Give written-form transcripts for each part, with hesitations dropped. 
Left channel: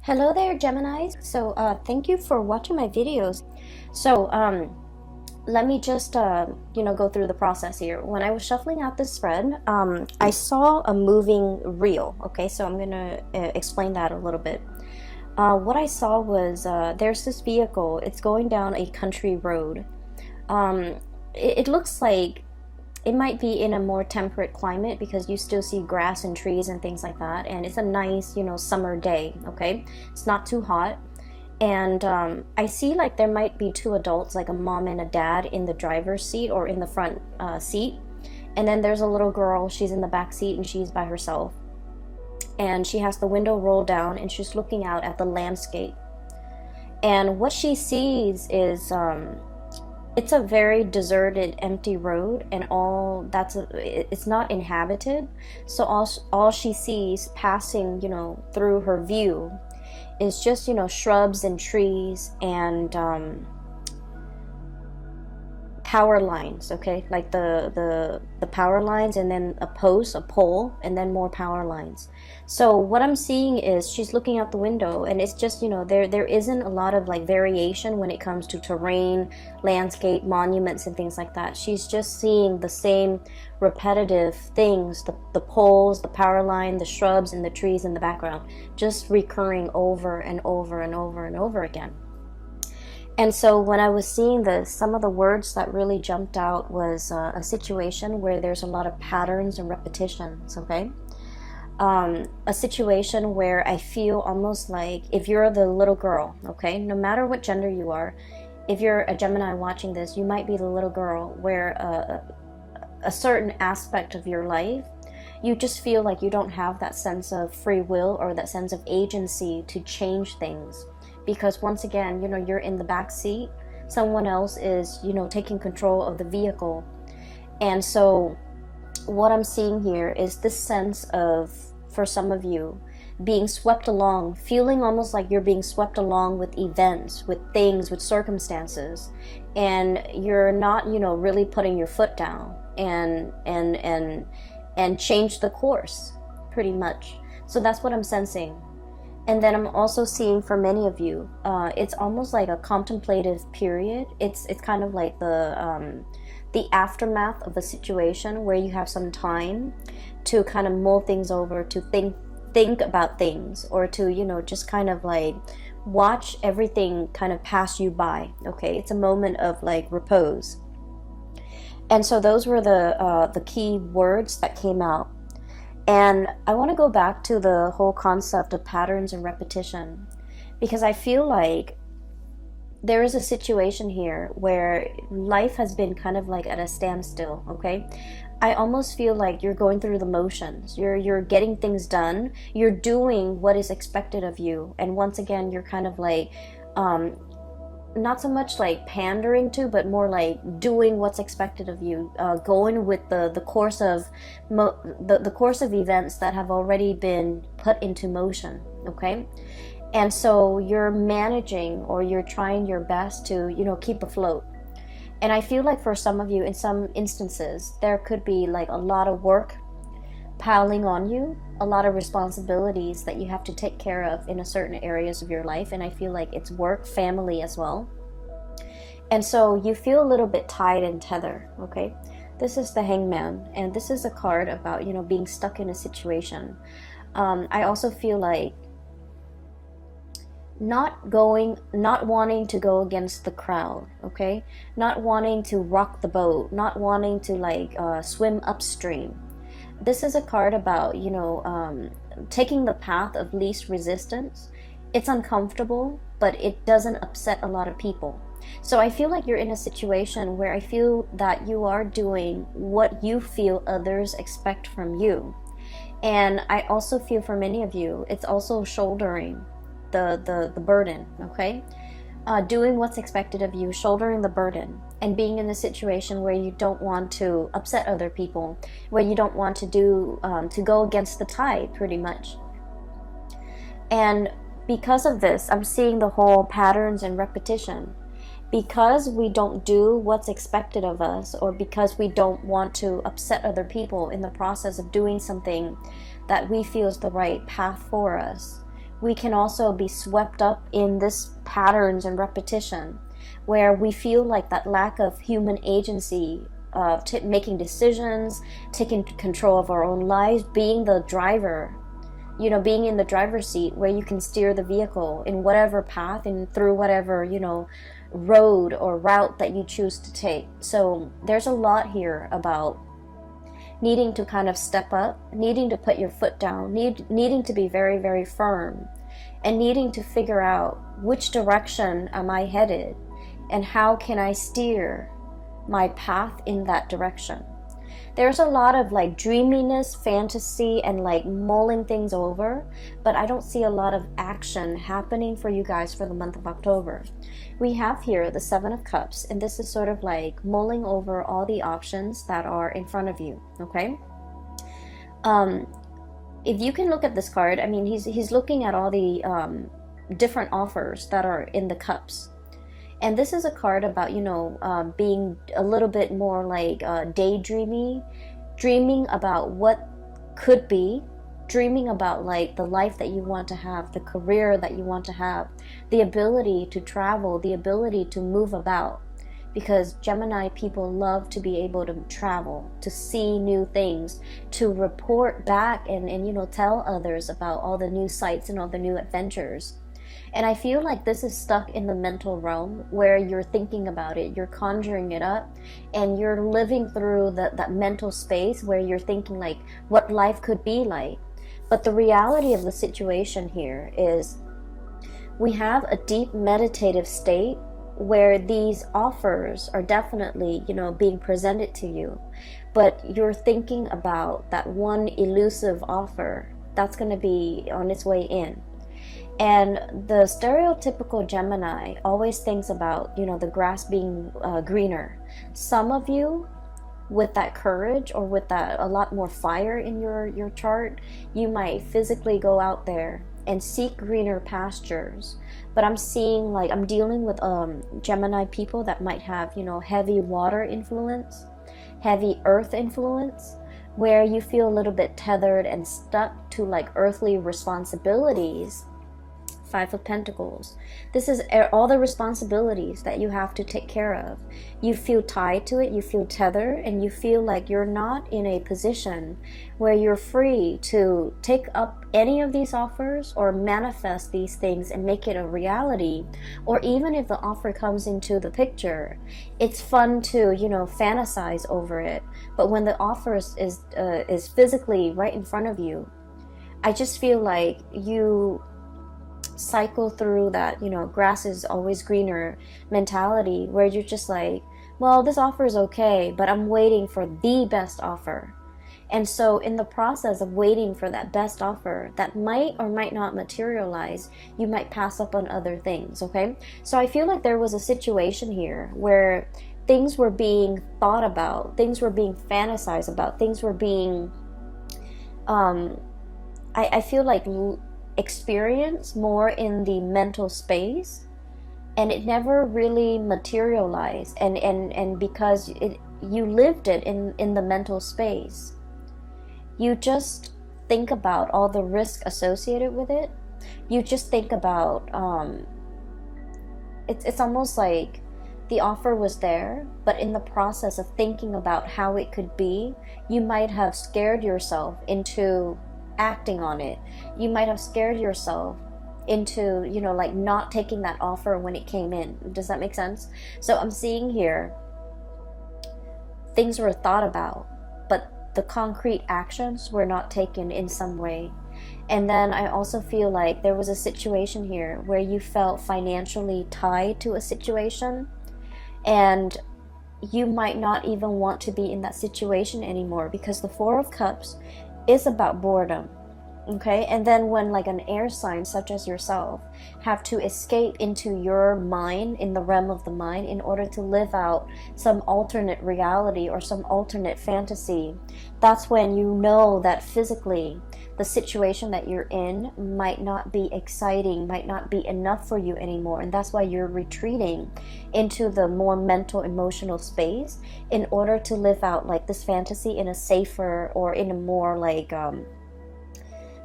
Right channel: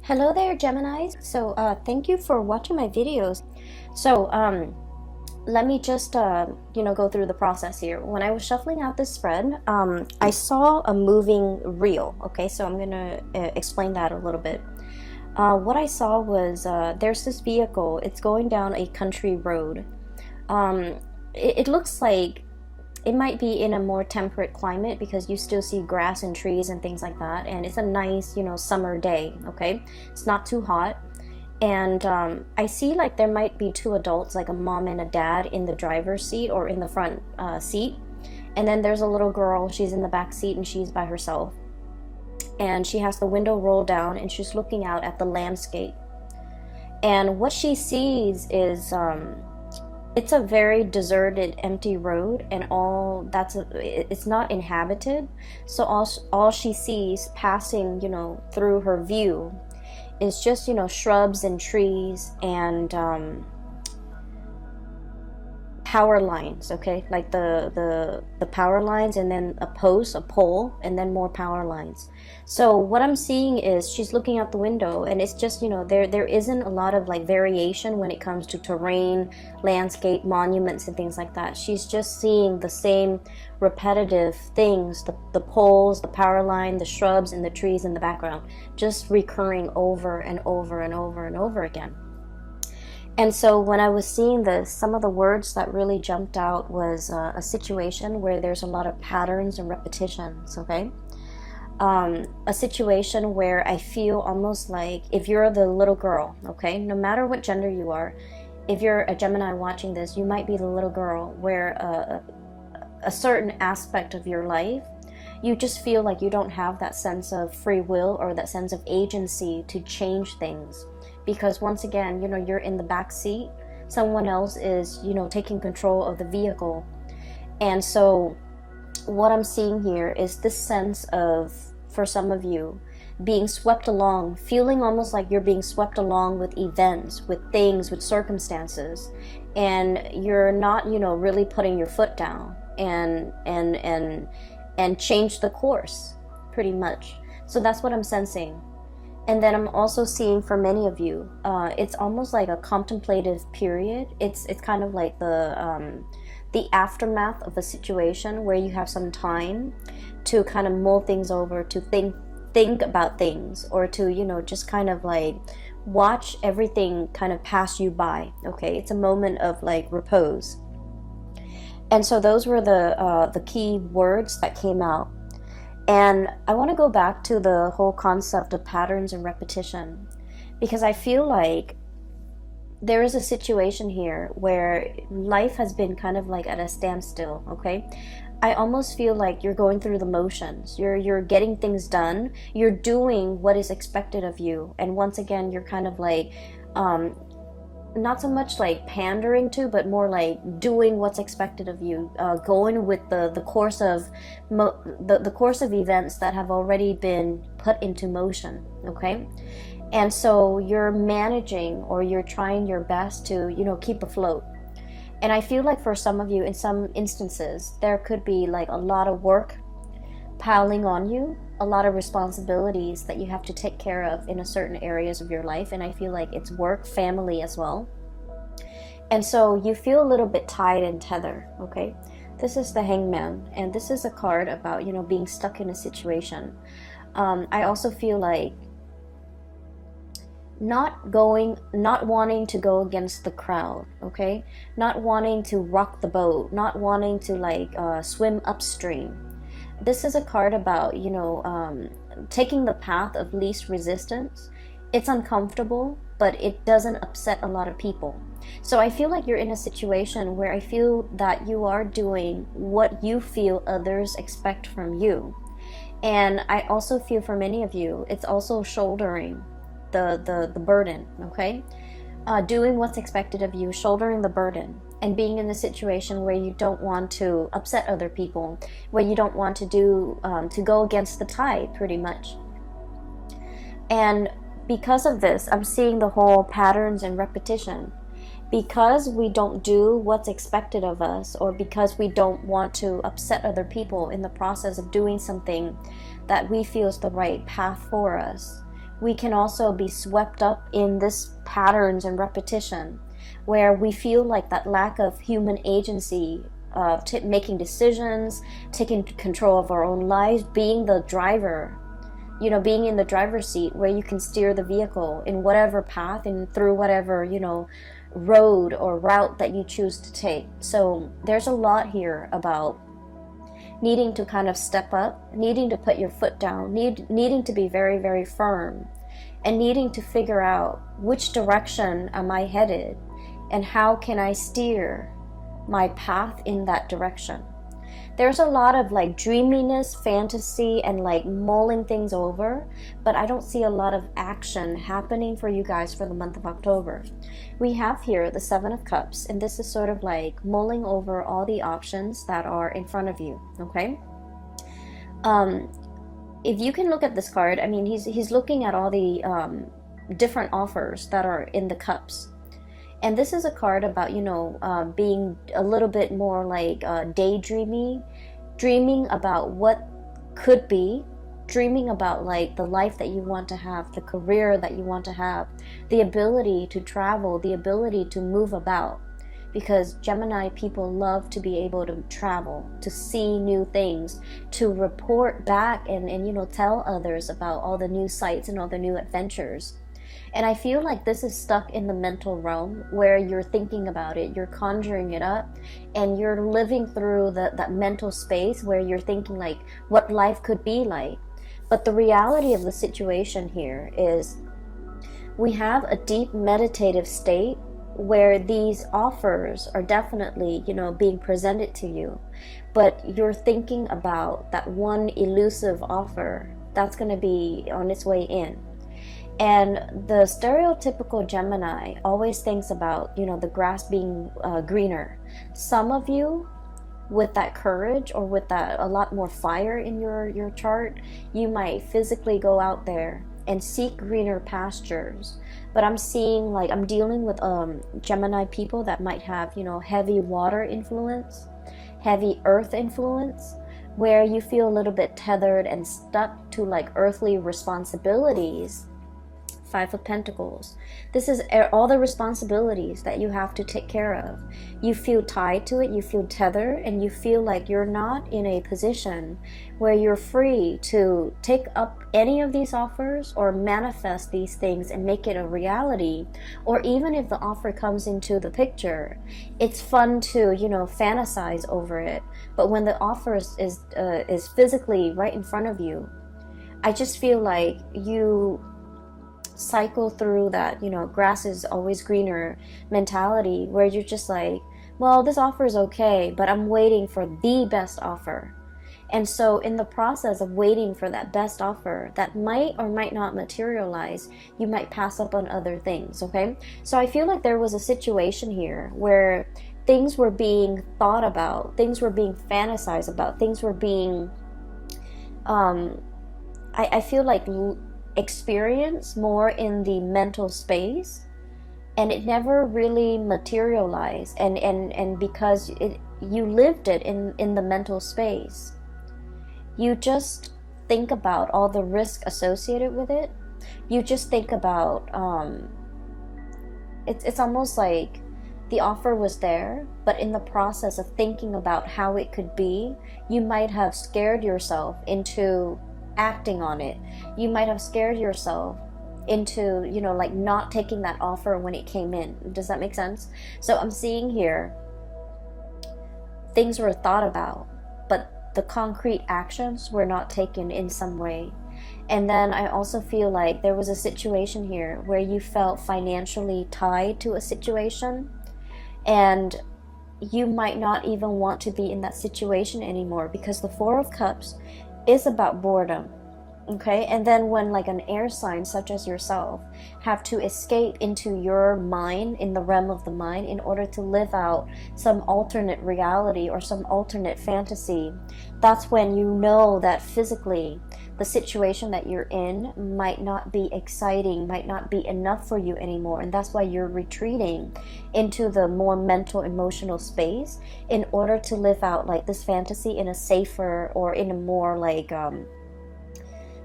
Hello there, Geminis. Thank you for watching my videos. Let me just, go through the process here. When I was shuffling out this spread, I saw a moving reel. Okay, so I'm gonna explain that a little bit. What I saw was there's this vehicle. It's going down a country road. It looks like it might be in a more temperate climate because you still see grass and trees and things like that, and it's a nice summer day. Okay, it's not too hot, and I see like there might be two adults, like a mom and a dad, in the driver's seat or in the front seat, and then there's a little girl. She's in the back seat and she's by herself, and she has the window rolled down and she's looking out at the landscape, and what she sees is it's a very deserted, empty road, and it's not inhabited. So all she sees passing, through her view is just, shrubs and trees and power lines. Okay, like the power lines, and then a post, a pole, and then more power lines. So what I'm seeing is she's looking out the window, and it's just, there isn't a lot of like variation when it comes to terrain, landscape, monuments, and things like that. She's just seeing the same repetitive things, the poles, the power line, the shrubs, and the trees in the background, just recurring over and over and over and over again. And so when I was seeing this, some of the words that really jumped out was a situation where there's a lot of patterns and repetitions. Okay, a situation where I feel almost like if you're the little girl, okay, no matter what gender you are, if you're a Gemini watching this, you might be the little girl where a certain aspect of your life, you just feel like you don't have that sense of free will or that sense of agency to change things. Because once again, you're in the back seat, someone else is, taking control of the vehicle. And so what I'm seeing here is this sense of, for some of you, being swept along, feeling almost like you're being swept along with events, with things, with circumstances, and you're not, really putting your foot down and change the course, pretty much. So that's what I'm sensing. And then I'm also seeing for many of you, it's almost like a contemplative period. It's kind of like the aftermath of a situation where you have some time to kind of mull things over, to think about things, or to just kind of like watch everything kind of pass you by. Okay, it's a moment of like repose. And so those were the key words that came out. And I want to go back to the whole concept of patterns and repetition, because I feel like there is a situation here where life has been kind of like at a standstill. Okay, I almost feel like you're going through the motions. You're getting things done. You're doing what is expected of you, and once again, you're kind of like not so much like pandering to, but more like doing what's expected of you, going with the course of the course of events that have already been put into motion. Okay, and so you're managing, or you're trying your best to keep afloat. And I feel like for some of you, in some instances, there could be like a lot of work piling on you, a lot of responsibilities that you have to take care of in a certain areas of your life. And I feel like it's work, family as well. And so you feel a little bit tied and tethered. Okay, this is the Hangman, and this is a card about being stuck in a situation. I also feel like not wanting to go against the crowd. Okay, not wanting to rock the boat, not wanting to like swim upstream. This is a card about, taking the path of least resistance. It's uncomfortable, but it doesn't upset a lot of people. So I feel like you're in a situation where I feel that you are doing what you feel others expect from you. And I also feel for many of you, it's also shouldering the burden, okay? Doing what's expected of you, shouldering the burden, and being in a situation where you don't want to upset other people, where you don't want to to go against the tide, pretty much. And because of this, I'm seeing the whole patterns and repetition. Because we don't do what's expected of us, or because we don't want to upset other people in the process of doing something that we feel is the right path for us, we can also be swept up in this patterns and repetition where we feel like that lack of human agency, making decisions, taking control of our own lives, being the driver, being in the driver's seat where you can steer the vehicle in whatever path and through whatever, road or route that you choose to take. So there's a lot here about needing to kind of step up, needing to put your foot down, needing to be very, very firm, and needing to figure out which direction am I headed and how can I steer my path in that direction. There's a lot of like dreaminess, fantasy, and like mulling things over, but I don't see a lot of action happening for you guys for the month of October. We have here the Seven of Cups, and this is sort of like mulling over all the options that are in front of you, okay? If you can look at this card, I mean, he's looking at all the different offers that are in the cups. And this is a card about, being a little bit more like daydreaming, dreaming about what could be, dreaming about like the life that you want to have, the career that you want to have, the ability to travel, the ability to move about. Because Gemini people love to be able to travel, to see new things, to report back and tell others about all the new sights and all the new adventures. And I feel like this is stuck in the mental realm where you're thinking about it, you're conjuring it up, and you're living through that mental space where you're thinking like what life could be like. But the reality of the situation here is we have a deep meditative state where these offers are definitely, being presented to you. But you're thinking about that one elusive offer that's going to be on its way in. And the stereotypical Gemini always thinks about, the grass being greener. Some of you, with that courage or with that a lot more fire in your chart, you might physically go out there and seek greener pastures. But I'm dealing with Gemini people that might have, heavy water influence, heavy earth influence, where you feel a little bit tethered and stuck to like earthly responsibilities. Five of Pentacles. This is all the responsibilities that you have to take care of. You feel tied to it, you feel tethered, and you feel like you're not in a position where you're free to take up any of these offers or manifest these things and make it a reality. Or even if the offer comes into the picture, it's fun to, fantasize over it. But when the offer is physically right in front of you, I just feel like you cycle through that, grass is always greener mentality where you're just like, well, this offer is okay, but I'm waiting for the best offer. And so in the process of waiting for that best offer that might or might not materialize, you might pass up on other things, okay? So I feel like there was a situation here where things were being thought about, things were being fantasized about, things were being I feel like experience more in the mental space, and it never really materialized, and because you lived it in the mental space, you just think about all the risk associated with it. You just think about it's almost like the offer was there, but in the process of thinking about how it could be, you might have scared yourself into acting on it. You might have scared yourself into, like not taking that offer when it came in. Does that make sense? So I'm seeing here things were thought about, but the concrete actions were not taken in some way. And then I also feel like there was a situation here where you felt financially tied to a situation, and you might not even want to be in that situation anymore, because the Four of Cups is about boredom, okay? And then when like an air sign such as yourself have to escape into your mind, in the realm of the mind, in order to live out some alternate reality or some alternate fantasy, that's when you know that physically the situation that you're in might not be exciting, might not be enough for you anymore. And that's why you're retreating into the more mental, emotional space in order to live out like this fantasy in a safer or in a more like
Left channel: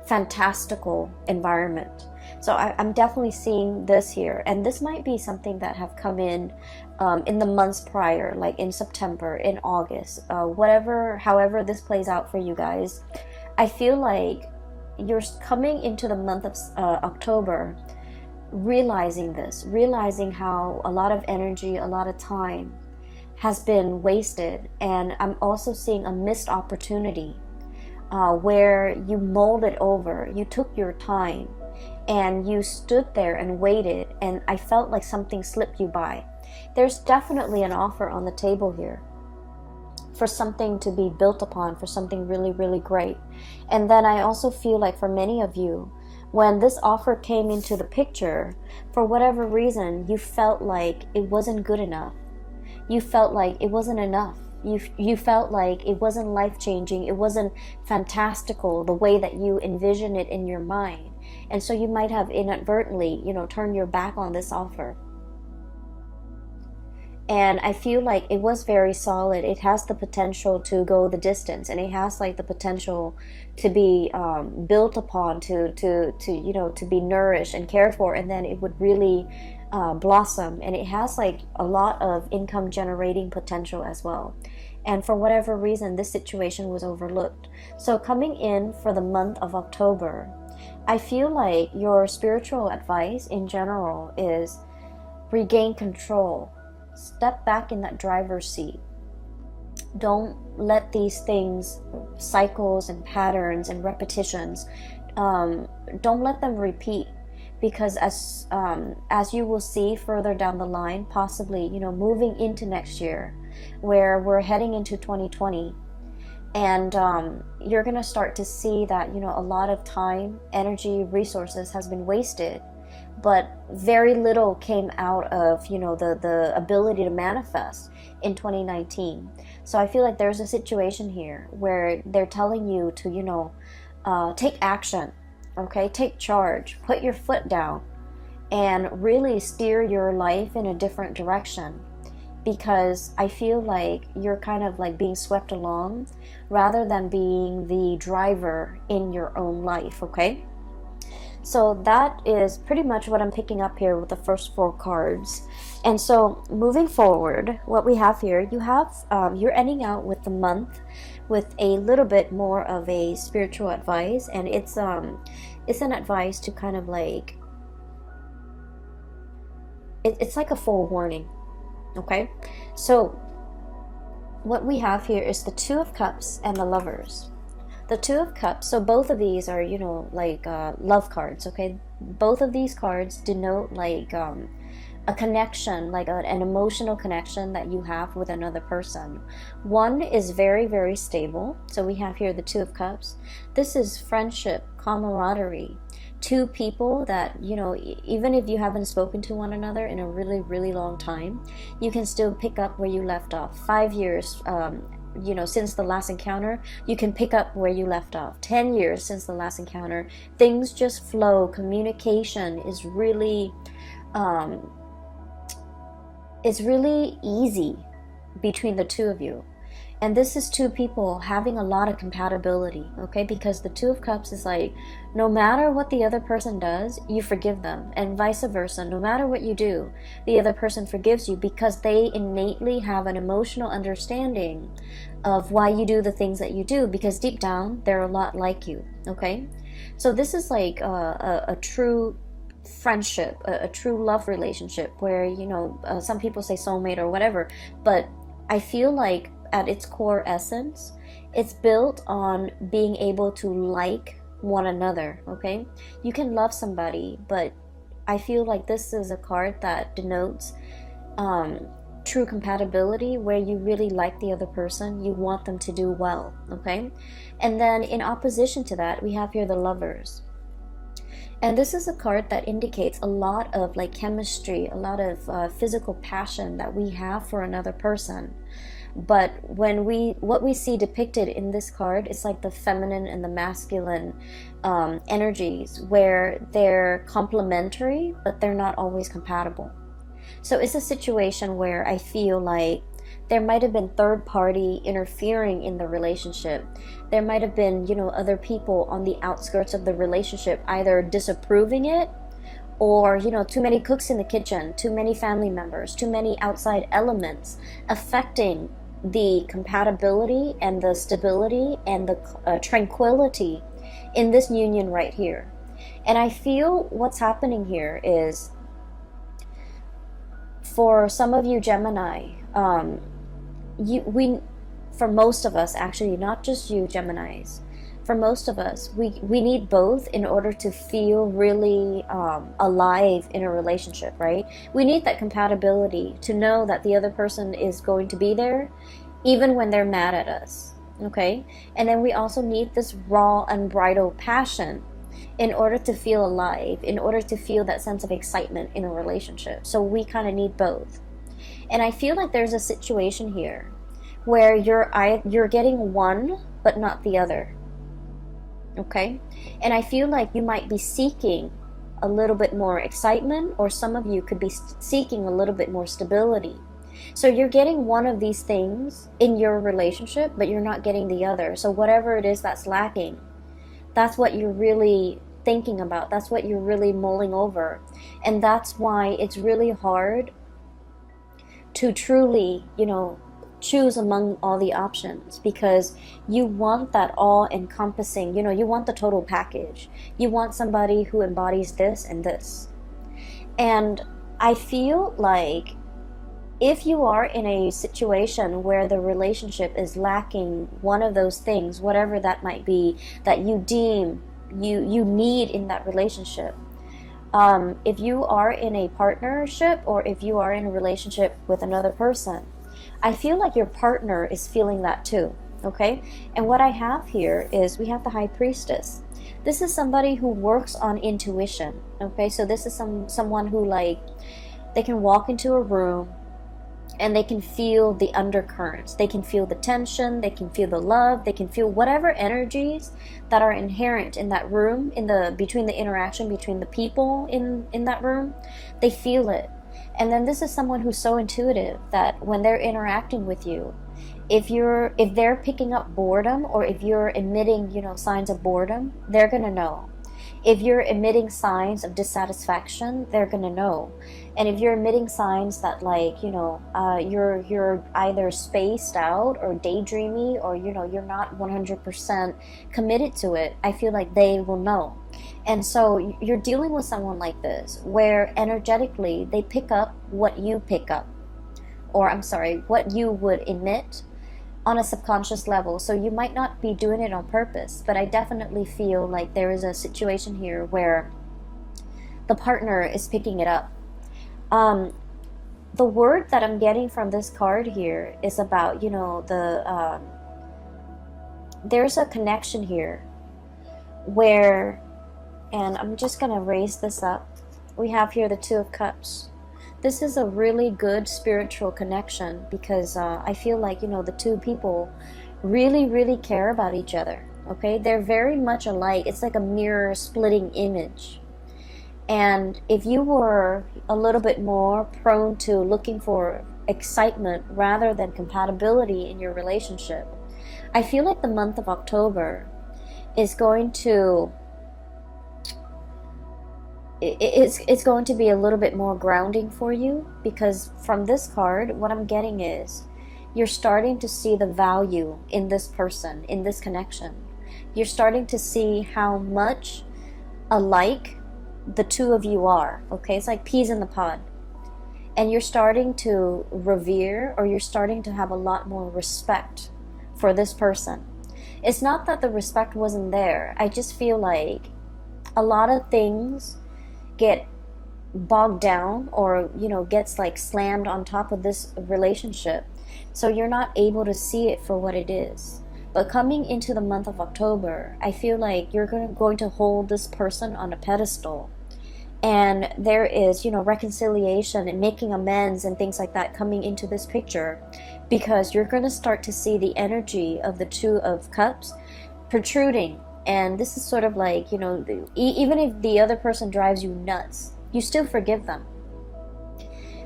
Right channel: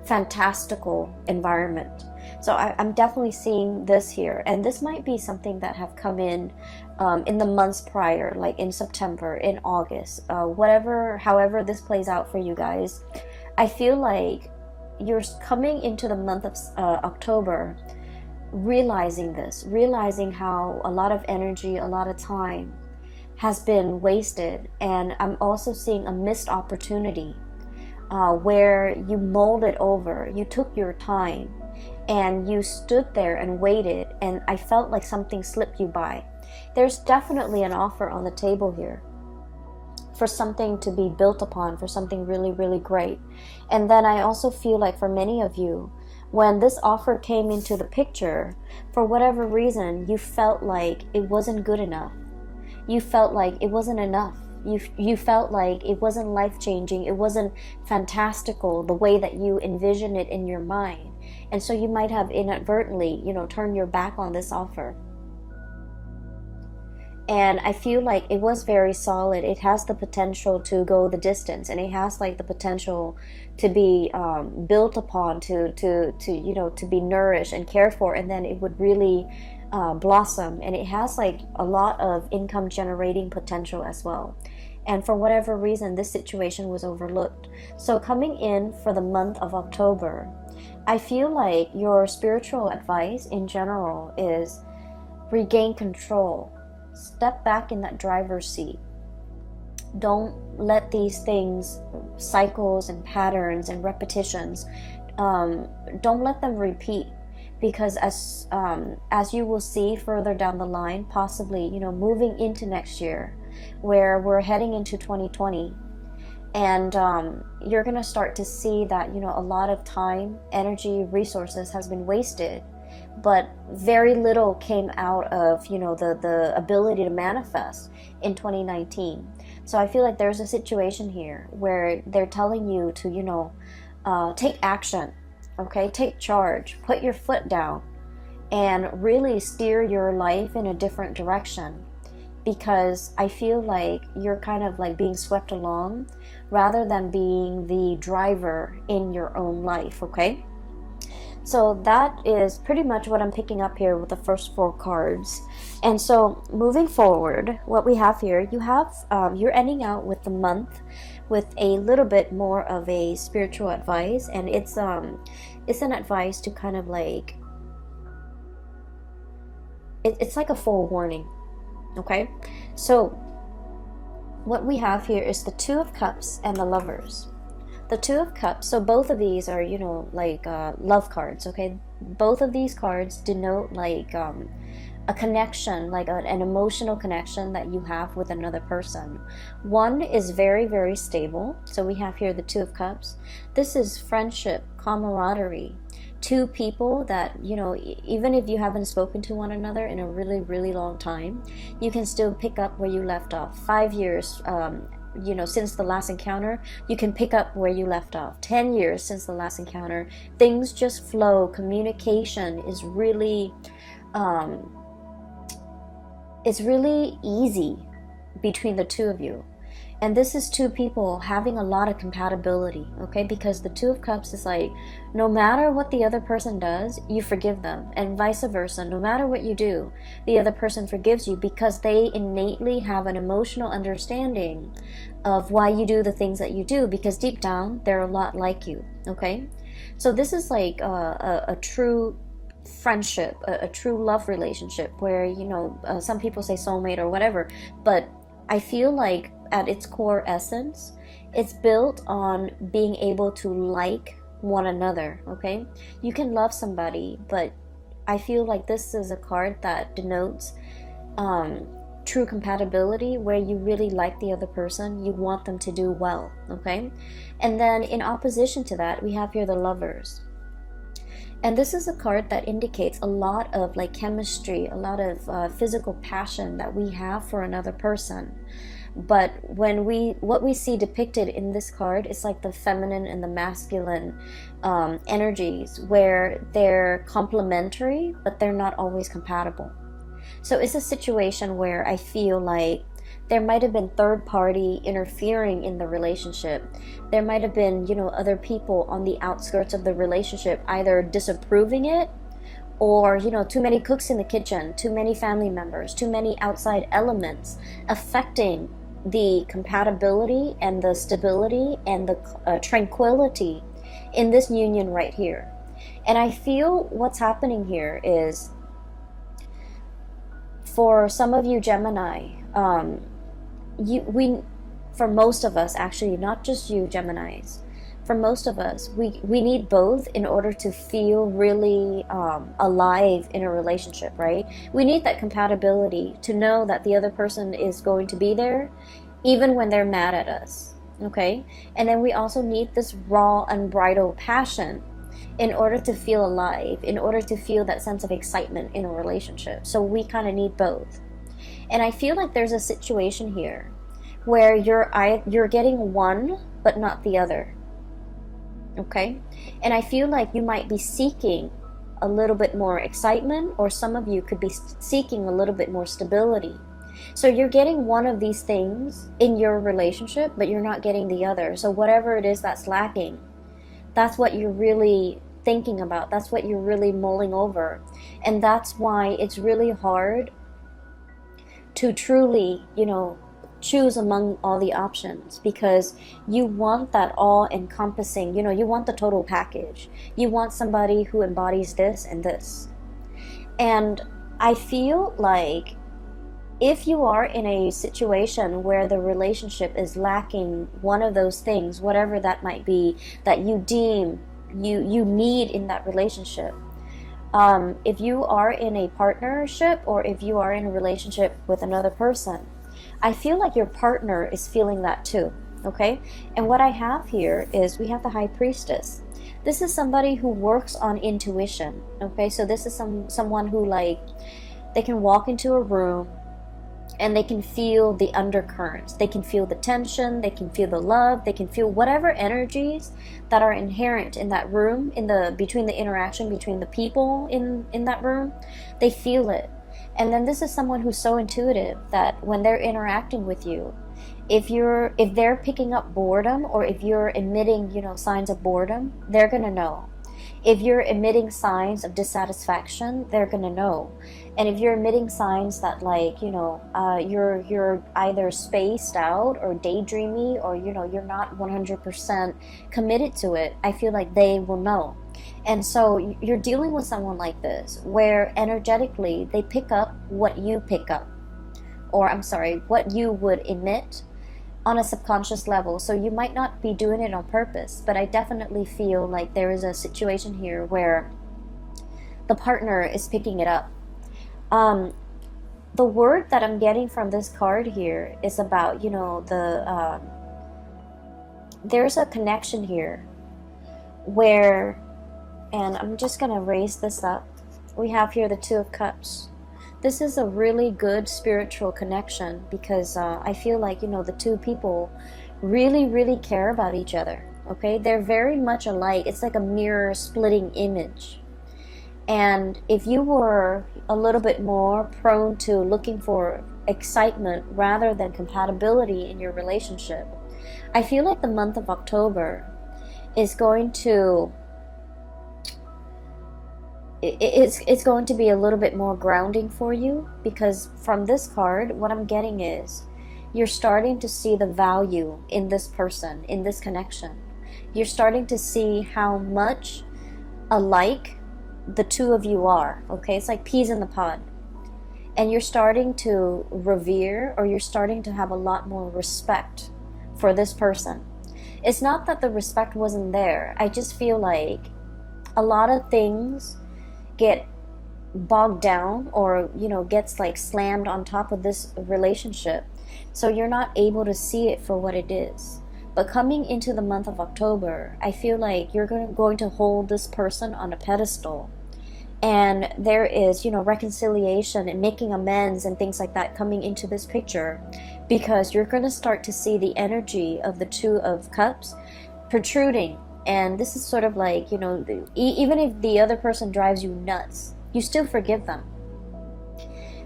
fantastical environment. So I'm definitely seeing this here, and this might be something that have come in the months prior, like in September, in August, however this plays out for you guys. I feel like you're coming into the month of October, realizing how a lot of energy, a lot of time has been wasted, and I'm also seeing a missed opportunity where you mulled it over, you took your time, and you stood there and waited, and I felt like something slipped you by. There's definitely an offer on the table here for something to be built upon, for something really, really great. And then I also feel like for many of you, when this offer came into the picture, for whatever reason, you felt like it wasn't good enough. You felt like it wasn't enough. You felt like it wasn't life-changing. It wasn't fantastical the way that you envisioned it in your mind. And so you might have inadvertently, turned your back on this offer. And I feel like it was very solid. It has the potential to go the distance, and it has like the potential to be built upon, to be nourished and cared for, and then it would really blossom. And it has like a lot of income generating potential as well. And for whatever reason, this situation was overlooked. So coming in for the month of October, I feel like your spiritual advice in general is regain control. Step back in that driver's seat. Don't let these things, cycles and patterns and repetitions, don't let them repeat. Because as you will see further down the line, possibly, moving into next year, where we're heading into 2020, and you're going to start to see that, a lot of time, energy, resources has been wasted, but very little came out of, the ability to manifest in 2019. So I feel like there's a situation here where they're telling you to, take action, okay? Take charge, put your foot down, and really steer your life in a different direction. Because I feel like you're kind of like being swept along rather than being the driver in your own life, okay? So that is pretty much what I'm picking up here with the first 4 cards. And so moving forward, what we have here, you're ending out with the month with a little bit more of a spiritual advice, and it's an advice to kind of like, it's like a forewarning. Okay, so what we have here is the 2 of Cups and the Lovers. The 2 of Cups, so both of these are, love cards, okay? Both of these cards denote like a connection, like an emotional connection that you have with another person. One is very, very stable. So we have here the 2 of Cups. This is friendship, camaraderie. 2 people that, even if you haven't spoken to one another in a really, really long time, you can still pick up where you left off. 5 years, since the last encounter, you can pick up where you left off. 10 years since the last encounter, things just flow. Communication is really, it's really easy between the 2 of you. And this is 2 people having a lot of compatibility, okay? Because the 2 of Cups is like, no matter what the other person does, you forgive them. And vice versa. No matter what you do, the other person forgives you because they innately have an emotional understanding of why you do the things that you do. Because deep down, they're a lot like you, okay? So this is like a true friendship, a true love relationship where, some people say soulmate or whatever. But I feel like at its core essence, it's built on being able to like one another, okay? You can love somebody, but I feel like this is a card that denotes true compatibility, where you really like the other person, you want them to do well, okay? And then in opposition to that, we have here the Lovers. And this is the card that indicates a lot of like chemistry, a lot of physical passion that we have for another person. But what we see depicted in this card is like the feminine and the masculine energies, where they're complementary, but they're not always compatible. So it's a situation where I feel like There might have been third party interfering in the relationship. There might have been, other people on the outskirts of the relationship either disapproving it, or, too many cooks in the kitchen, too many family members, too many outside elements affecting the compatibility and the stability and the tranquility in this union right here. And I feel what's happening here is, for some of you Gemini, for most of us, actually, not just you Geminis, for most of us, we need both in order to feel really alive in a relationship, right? We need that compatibility to know that the other person is going to be there even when they're mad at us, okay? And then we also need this raw, unbridled passion in order to feel alive, in order to feel that sense of excitement in a relationship. So we kind of need both. And I feel like there's a situation here where you're getting one but not the other. Okay? And I feel like you might be seeking a little bit more excitement, or some of you could be seeking a little bit more stability. So you're getting one of these things in your relationship, but you're not getting the other. So whatever it is that's lacking, that's what you're really thinking about. That's what you're really mulling over. And that's why it's really hard to truly, choose among all the options, because you want that all-encompassing, you want the total package. You want somebody who embodies this and this. And I feel like if you are in a situation where the relationship is lacking one of those things, whatever that might be, that you deem you need in that relationship, if you are in a partnership, or if you are in a relationship with another person, I feel like your partner is feeling that too, okay? And what I have here is we have the High Priestess. This is somebody who works on intuition, okay? So this is someone who, like, they can walk into a room and they can feel the undercurrents. They can feel the tension, they can feel the love, they can feel whatever energies that are inherent in that room, between the interaction between the people in that room. They feel it. And then this is someone who's so intuitive that when they're interacting with you, if they're picking up boredom, or if you're emitting, signs of boredom, they're gonna know. If you're emitting signs of dissatisfaction, they're gonna know. And if you're emitting signs that, like, you're either spaced out or daydreamy, or you're not 100% committed to it, I feel like they will know. And so you're dealing with someone like this, where energetically they pick up what you pick up, or what you would emit on a subconscious level. So you might not be doing it on purpose, but I definitely feel like there is a situation here where the partner is picking it up. The word that I'm getting from this card here is about, there's a connection here where, and I'm just going to raise this up. We have here the Two of Cups. This is a really good spiritual connection, because I feel like, the two people really, really care about each other. Okay? They're very much alike. It's like a mirror splitting image. And if you were a little bit more prone to looking for excitement rather than compatibility in your relationship, I feel like the month of October is going to it's going to be a little bit more grounding for you, because from this card, what I'm getting is you're starting to see the value in this person, in this connection. You're starting to see how much alike the two of you are, okay? It's like peas in the pod. And you're starting to revere, or you're starting to have a lot more respect for this person. It's not that the respect wasn't there. I just feel like a lot of things get bogged down, or gets like slammed on top of this relationship, so you're not able to see it for what it is. But coming into the month of October, I feel like you're going to hold this person on a pedestal, and there is reconciliation and making amends and things like that coming into this picture, because you're going to start to see the energy of the Two of Cups protruding. And this is sort of like, even if the other person drives you nuts, you still forgive them.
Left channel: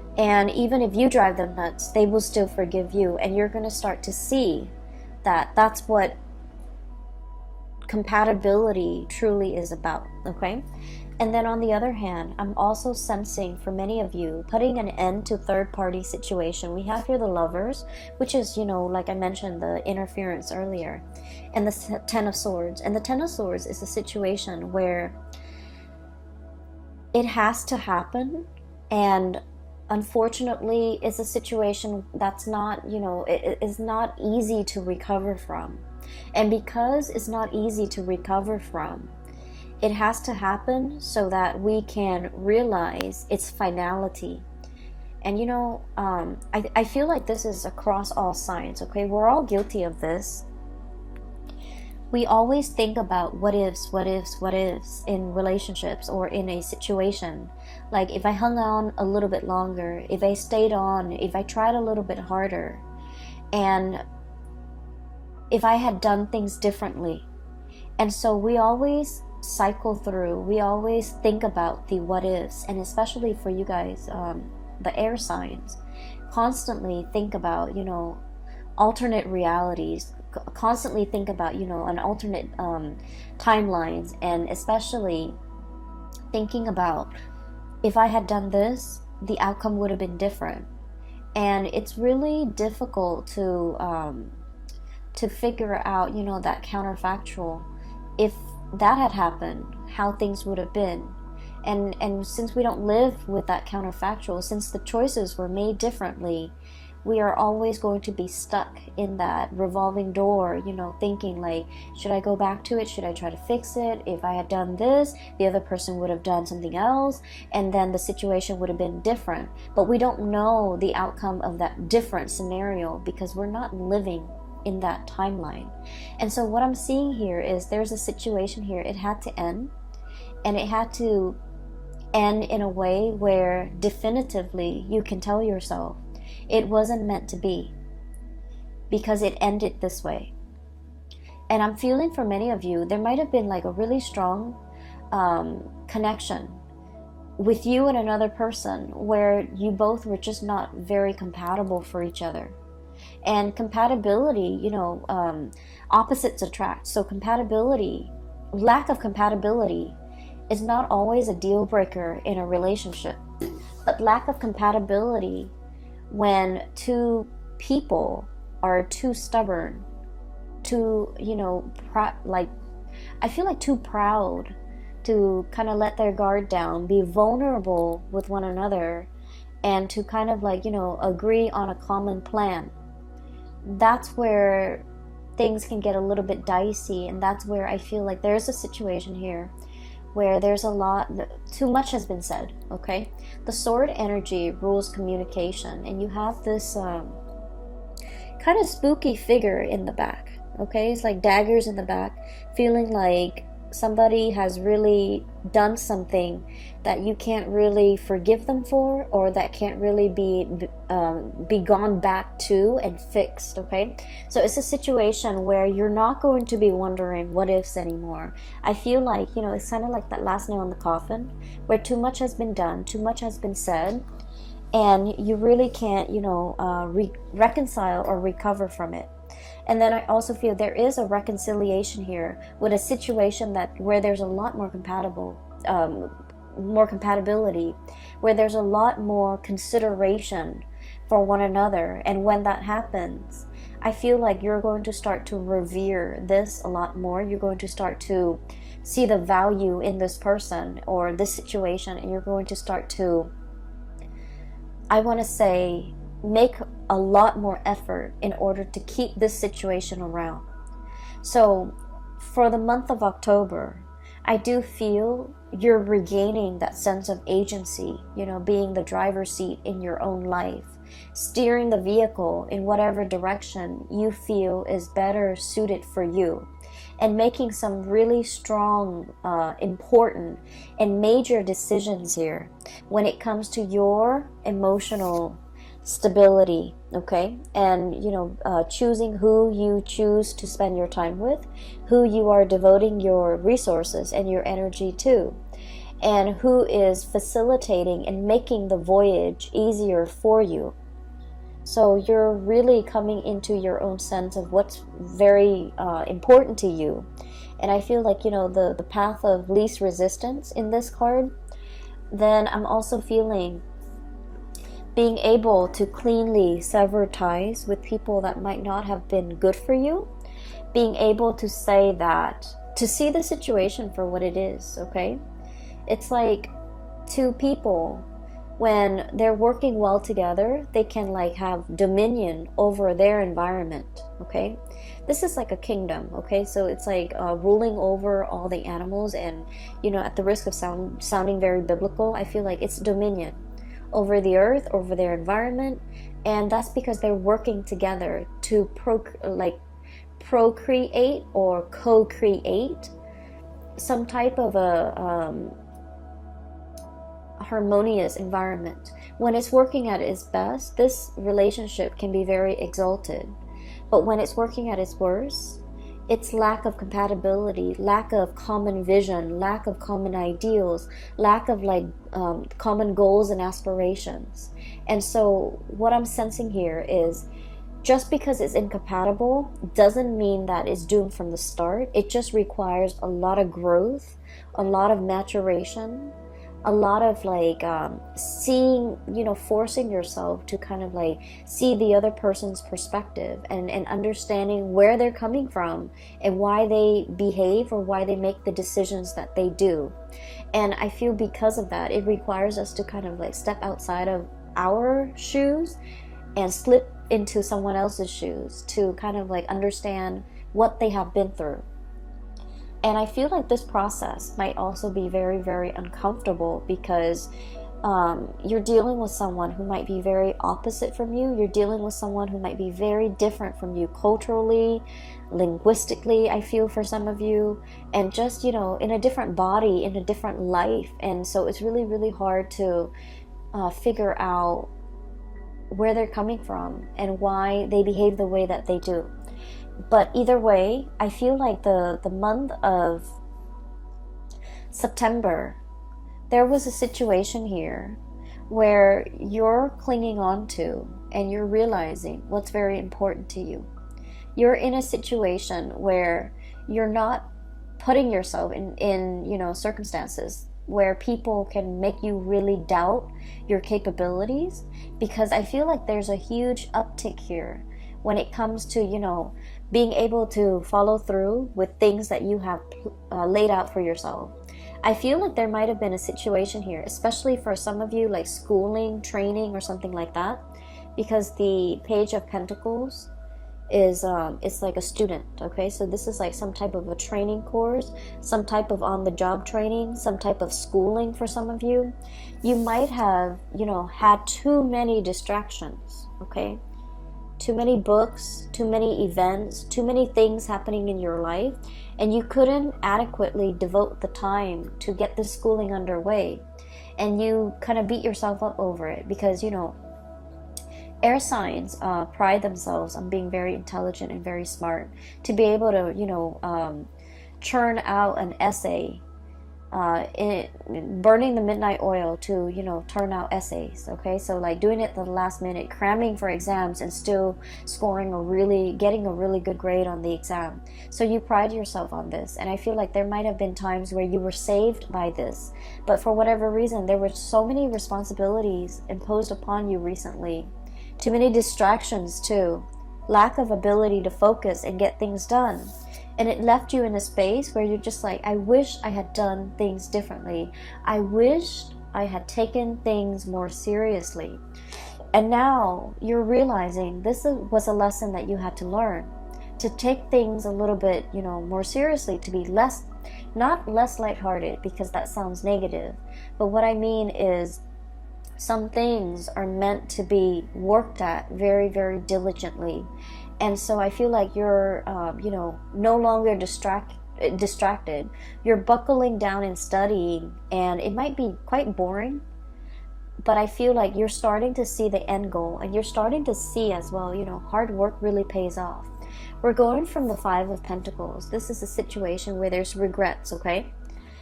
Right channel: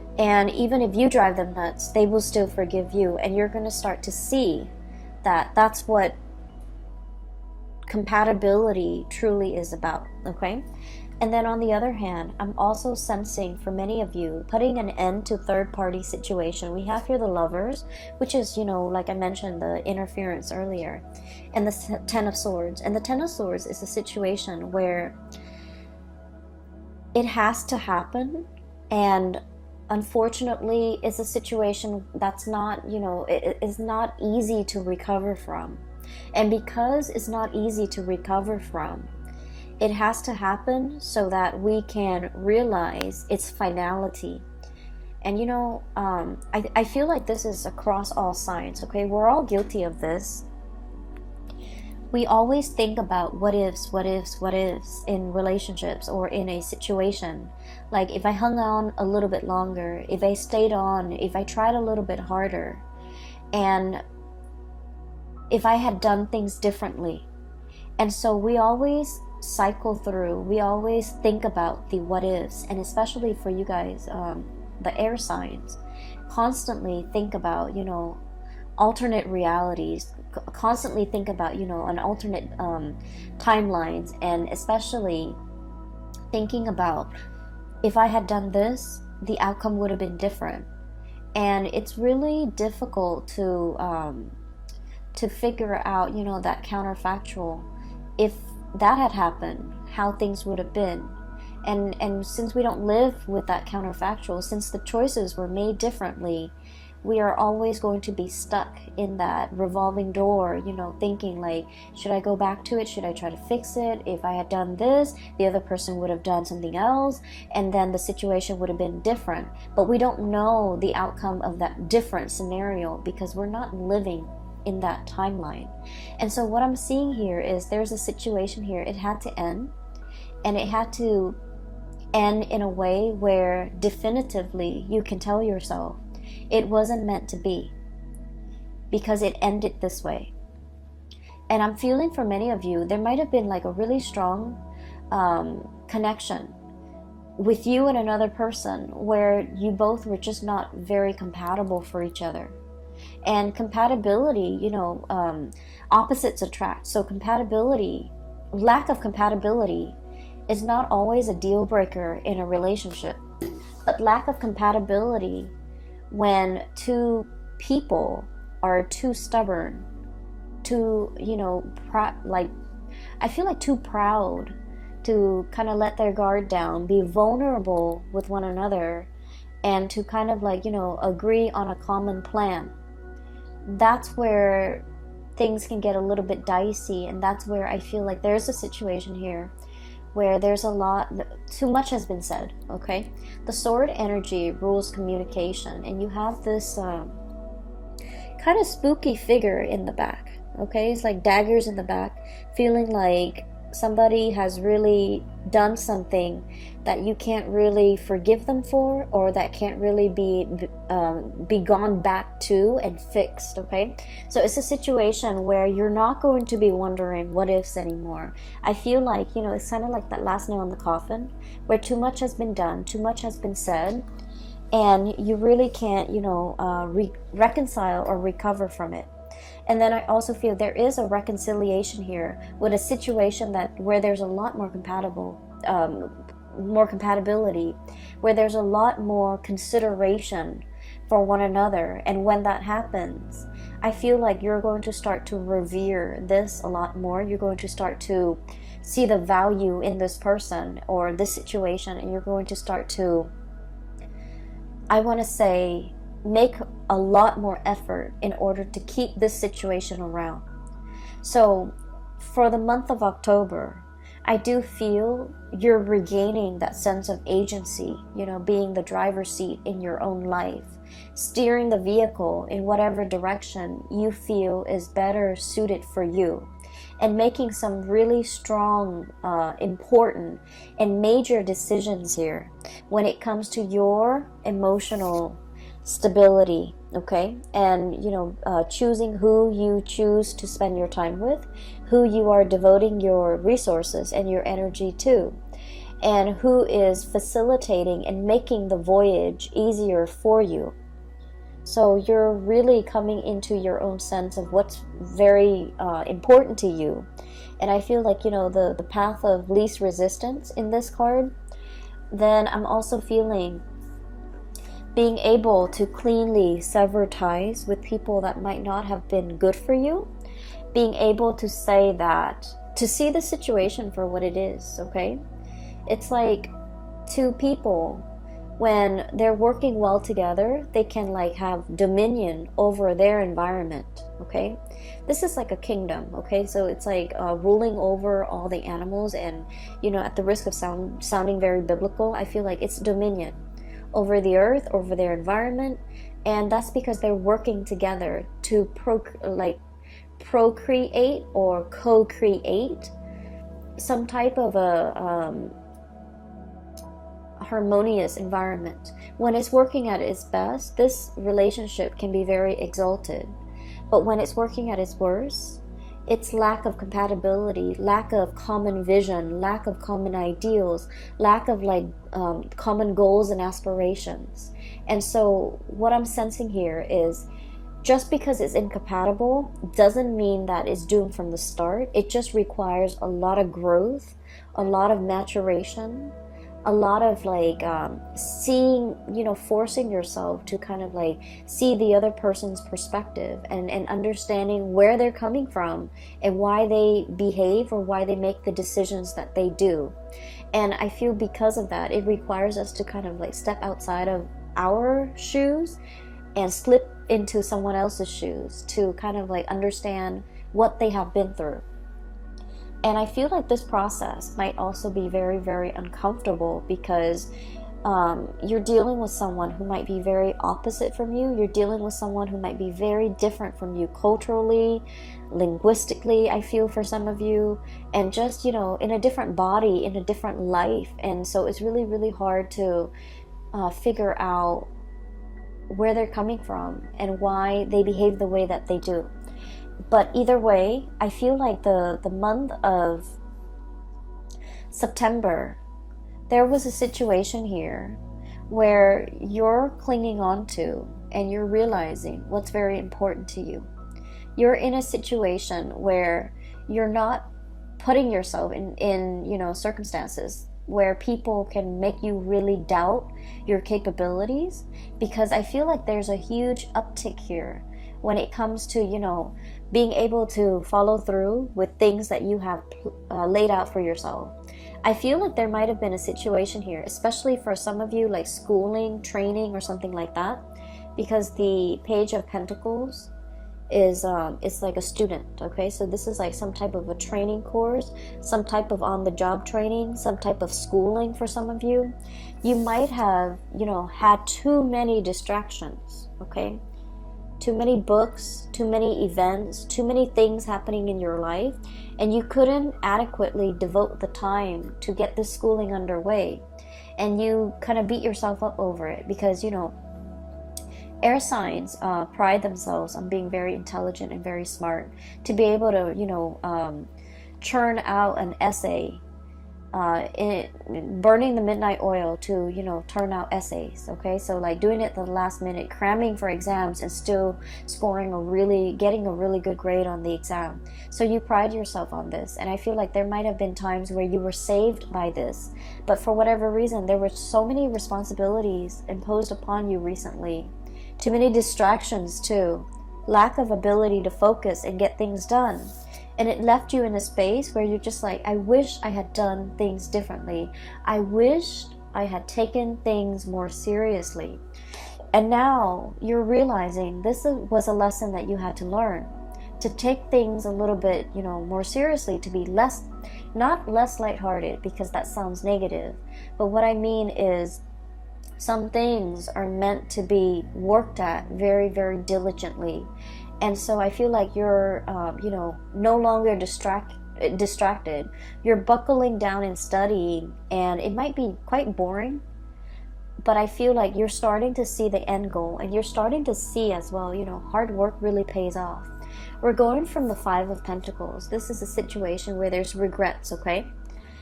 And even if you drive them nuts, they will still forgive you. And you're going to start to see that that's what compatibility truly is about, okay? And then on the other hand, I'm also sensing for many of you putting an end to third-party situation. We have here the Lovers, which is, you know, like I mentioned, the interference earlier, and the Ten of Swords. And the Ten of Swords is a situation where it has to happen, and unfortunately it's a situation that's not, you know, it is not easy to recover from. And because it's not easy to recover from, it has to happen so that we can realize its finality. And you know, I feel like this is across all sides, okay? We're all guilty of this. We always think about what ifs in relationships or in a situation. Like, if I hung on a little bit longer, if I stayed on, if I tried a little bit harder, and if I had done things differently. And so we always cycle through, we always think about the what ifs, and especially for you guys, the air signs, constantly think about, you know, alternate realities, constantly think about, you know, an alternate timelines, and especially thinking about, if I had done this, the outcome would have been different. And it's really difficult to figure out, you know, that counterfactual. If that had happened, how things would have been. And since we don't live with that counterfactual, since the choices were made differently, we are always going to be stuck in that revolving door, you know, thinking like, should I go back to it? Should I try to fix it? If I had done this, the other person would have done something else, and then the situation would have been different. But we don't know the outcome of that different scenario because we're not living in that timeline. And so what I'm seeing here is there's a situation here, it had to end, and it had to end in a way where definitively you can tell yourself it wasn't meant to be, because it ended this way. And I'm feeling for many of you, there might have been like a really strong connection with you and another person where you both were just not very compatible for each other. And compatibility, you know, opposites attract. So compatibility, lack of compatibility is not always a deal breaker in a relationship. But lack of compatibility when two people are too stubborn, too, you know, I feel like too proud to kind of let their guard down, be vulnerable with one another, and to kind of like, you know, agree on a common plan. That's where things can get a little bit dicey, and that's where I feel like there's a situation here where there's a lot, too much has been said, okay? The sword energy rules communication, and you have this kind of spooky figure in the back, okay? It's like daggers in the back, feeling like somebody has really done something that you can't really forgive them for, or that can't really be gone back to and fixed, okay? So it's a situation where you're not going to be wondering what ifs anymore. I feel like, you know, it's kind of like that last nail in the coffin, where too much has been done, too much has been said, and you really can't, you know, reconcile or recover from it. And then I also feel there is a reconciliation here with a situation where there's a lot more more compatibility, where there's a lot more consideration for one another. And when that happens, I feel like you're going to start to revere this a lot more. You're going to start to see the value in this person or this situation, and you're going to start to, I want to say, make a lot more effort in order to keep this situation around. So for the month of October, I do feel you're regaining that sense of agency, you know, being the driver's seat in your own life, steering the vehicle in whatever direction you feel is better suited for you, and making some really strong, important, and major decisions here when it comes to your emotional stability, okay? And, you know, choosing who you choose to spend your time with, who you are devoting your resources and your energy to. and who is facilitating and making the voyage easier for you. So you're really coming into your own sense of what's very important to you. And I feel like, the path of least resistance in this card. Then I'm also feeling being able to cleanly sever ties with people that might not have been good for you. Being able to say that, to see the situation for what it is, okay? It's like two people, when they're working well together, they can like have dominion over their environment, okay? This is like a kingdom, okay? So it's like ruling over all the animals, and at the risk of sounding very biblical, I feel like it's dominion over the earth, over their environment. And that's because they're working together to procreate or co-create some type of a harmonious environment. When it's working at its best, this relationship can be very exalted. But when it's working at its worst, it's lack of compatibility, lack of common vision, lack of common ideals, lack of common goals and aspirations. And so what I'm sensing here is, just because it's incompatible doesn't mean that it's doomed from the start. It just requires a lot of growth, a lot of maturation, a lot of seeing, forcing yourself to kind of see the other person's perspective and understanding where they're coming from and why they behave or why they make the decisions that they do. And I feel because of that, it requires us to kind of step outside of our shoes and slip into someone else's shoes to kind of understand what they have been through. And I feel like this process might also be very, very uncomfortable because you're dealing with someone who might be very opposite from you. You're dealing with someone who might be very different from you culturally, linguistically, I feel, for some of you, and just, in a different body, in a different life. And so it's really, really hard to figure out where they're coming from and why they behave the way that they do. But either way, I feel like the month of September, there was a situation here where you're clinging on to and you're realizing what's very important to you. You're in a situation where you're not putting yourself in circumstances where people can make you really doubt your capabilities, because I feel like there's a huge uptick here when it comes to, being able to follow through with things that you have laid out for yourself. I feel like there might have been a situation here, especially for some of you, like schooling, training, or something like that, because the Page of Pentacles is it's like a student, okay? So this is like some type of a training course, some type of on-the-job training, some type of schooling for some of you. You might have, had too many distractions, okay? Too many books, too many events, too many things happening in your life, and you couldn't adequately devote the time to get this schooling underway. And you kind of beat yourself up over it because, air signs pride themselves on being very intelligent and very smart. To be able to, churn out an essay, burning the midnight oil to turn out essays, okay? So doing it at the last minute, cramming for exams and still getting a really good grade on the exam. So you pride yourself on this, and I feel like there might have been times where you were saved by this, but for whatever reason there were so many responsibilities imposed upon you recently, too many distractions too, lack of ability to focus and get things done. And it left you in a space where you're just like, I wish I had done things differently. I wished I had taken things more seriously. And now you're realizing this was a lesson that you had to learn. To take things a little bit, more seriously, to be not less lighthearted, because that sounds negative. But what I mean is, some things are meant to be worked at very, very diligently. And so I feel like you're, no longer distracted. You're buckling down and studying, and it might be quite boring, but I feel like you're starting to see the end goal, and you're starting to see as well, hard work really pays off. We're going from the Five of Pentacles. This is a situation where there's regrets, okay?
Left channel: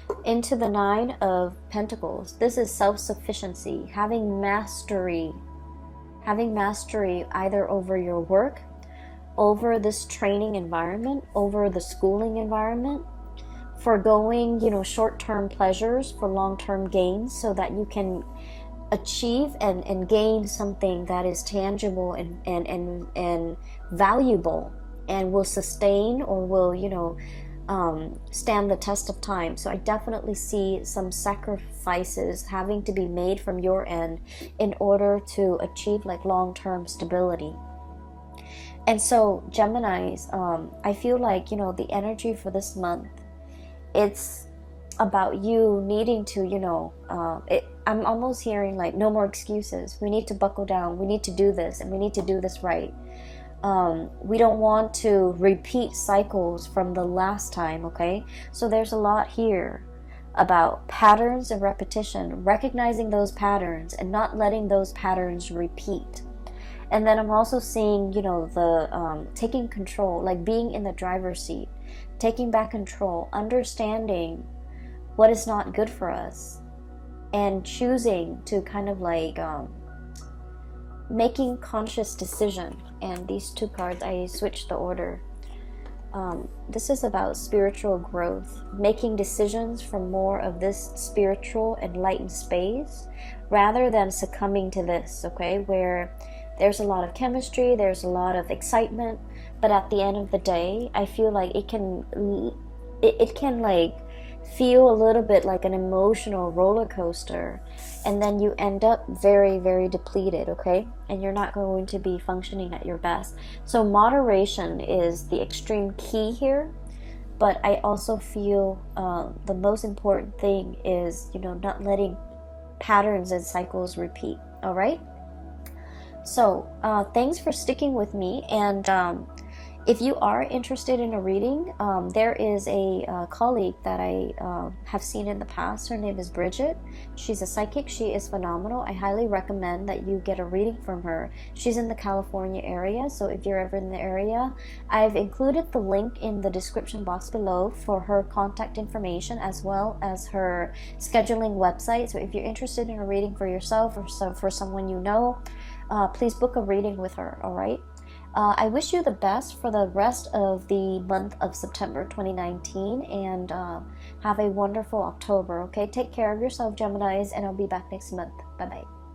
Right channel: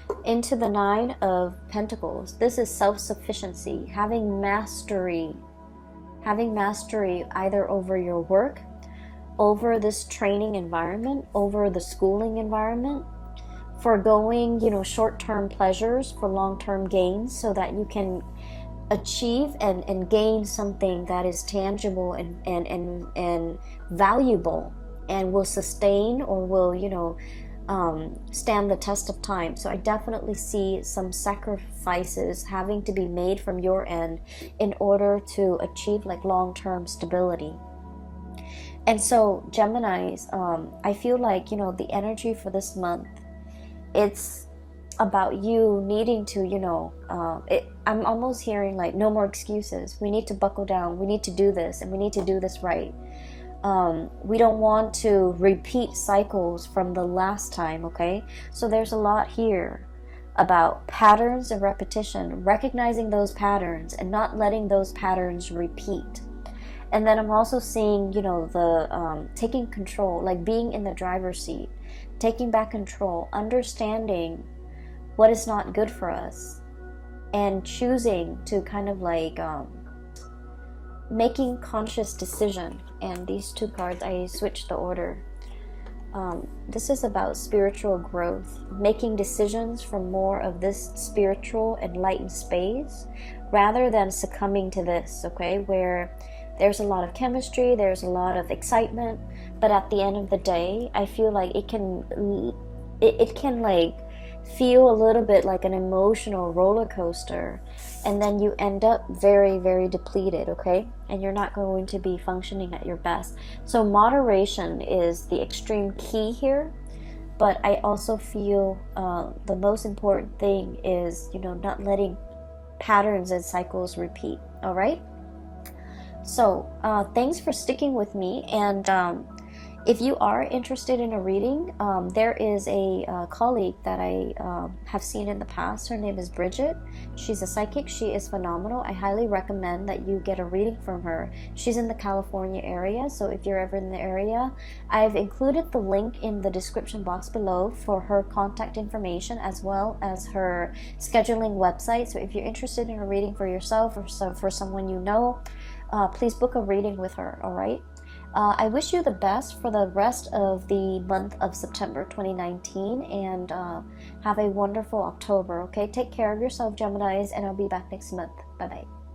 into the Nine of Pentacles. This is self-sufficiency, having mastery either over your work, over this training environment, over the schooling environment, foregoing, short-term pleasures for long-term gains so that you can achieve and gain something that is tangible and valuable and will sustain or will, stand the test of time. So I definitely see some sacrifices having to be made from your end in order to achieve like long-term stability. And so Geminis, I feel like, the energy for this month, it's about you needing to, I'm almost hearing like no more excuses. We need to buckle down. We need to do this, and we need to do this right. We don't want to repeat cycles from the last time, okay? So there's a lot here about patterns and repetition, recognizing those patterns and not letting those patterns repeat. And then I'm also seeing, the taking control, like being in the driver's seat, taking back control, understanding what is not good for us, and choosing to kind of like making conscious decision. And these two cards, I switched the order. This is about spiritual growth, making decisions from more of this spiritual enlightened space rather than succumbing to this, okay, where there's a lot of chemistry, there's a lot of excitement, but at the end of the day, I feel like it can like feel a little bit like an emotional roller coaster, and then you end up very, very depleted, okay? And you're not going to be functioning at your best. So moderation is the extreme key here, but I also feel the most important thing is, not letting patterns and cycles repeat, all right? So thanks for sticking with me, and if you are interested in a reading, there is a colleague that I have seen in the past. Her name is Bridget. She's a psychic. She is phenomenal. I highly recommend that you get a reading from her. She's in the California area, so if you're ever in the area, I've included the link in the description box below for her contact information as well as her scheduling website. So if you're interested in a reading for yourself or for someone you know, please book a reading with her, all right? I wish you the best for the rest of the month of September 2019, and have a wonderful October, okay? Take care of yourself, Geminis, and I'll be back next month. Bye-bye.